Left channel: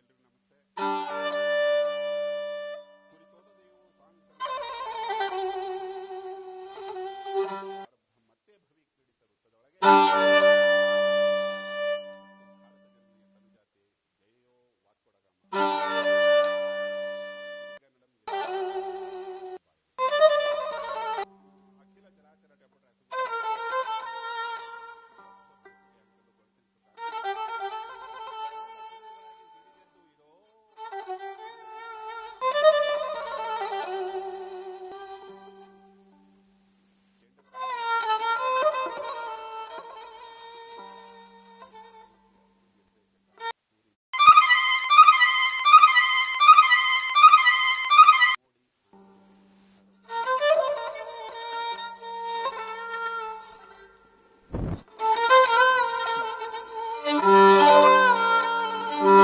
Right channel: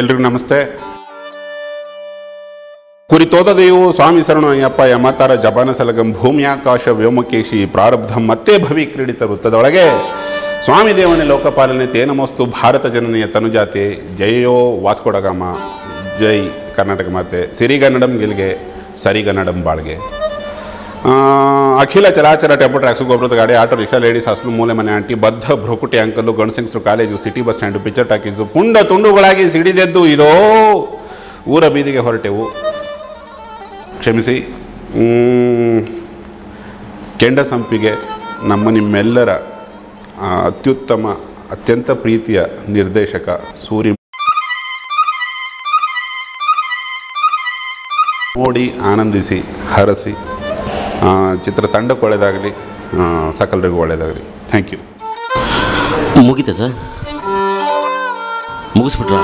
ಎಲ್ರಿಗೂ ನಮಸ್ತೆ. ಕುರಿತೋದದೆಯು ಸ್ವಾಮಿ ಶರಣು ಅಯ್ಯಪ್ಪ ಯಮತಾರ ಜಪಾನ ಸಲಗಂ ಭೂಮಿಯಾಕಾಶ ವ್ಯೋಮಕೇಶಿ ಪ್ರಾರಬ್ಧಂ ಮತ್ತೆ ಭವಿ ಕ್ರೀಡಿತ ವೃತ್ತದೊಳಗೆ ಸ್ವಾಮಿ ದೇವನೇ ಲೋಕಪಾಲನೆ ತೇನಮೋಸ್ತು ಭಾರತ ಜನನಿಯ ತನುಜಾತೆ ಜಯೋ ವಾಸ್ಕೋಡಗಾಮ, ಜೈ ಕರ್ನಾಟಕ ಮಾತೆ, ಸಿರಿಗನ್ನಡಂ ಗೆಲ್ಗೆ ಸರಿಗನ್ನಡಂ ಬಾಳ್ಗೆ. ಅಖಿಲ ಚಲಾಚಲ ಟೆಂಪೋ ಟ್ರ್ಯಾಕ್ಸು ಗೊಬ್ಬರದ ಗಾಡಿ, ಆಟೋ ರಿಕ್ಷಾ, ಲೇಡೀಸ್ ಹಾಸ್ಟೆಲ್, ಮೂಲೆ ಮನೆ ಆಂಟಿ, ಬದ್ಧ ಭ್ರುಕುಟಿ ಅಂಕಲ್ಲು, ಗಣಸಿಂಗ್ಸರು, college, city bus stand, picture talkies ಪುಂಡ ತುಂಡುಗಳಾಗಿ ಸಿಡಿದೆದ್ದು ಇದೋ ಊರ ಬೀದಿಗೆ ಹೊರಟೆವು. ಕ್ಷಮಿಸಿ. ಕೆಂಡ ಸಂಪಿಗೆ ನಮ್ಮ ನಿಮ್ಮೆಲ್ಲರ ಅತ್ಯುತ್ತಮ ಅತ್ಯಂತ ಪ್ರೀತಿಯ ನಿರ್ದೇಶಕ ಸೂರಿ. ನೋಡಿ ಆನಂದಿಸಿ ಹರಸಿ. ಚಿತ್ರತಂಡಕ್ಕೆ ಒಳ್ಳೆಯದಾಗಲಿ, ಸಕಲರಿಗೂ ಒಳ್ಳೆಯದಾಗಲಿ. Thank you. ಮುಗೀತಾ ಸರ್? ಮುಗಿಸ್ಬಿಟ್ರಾ?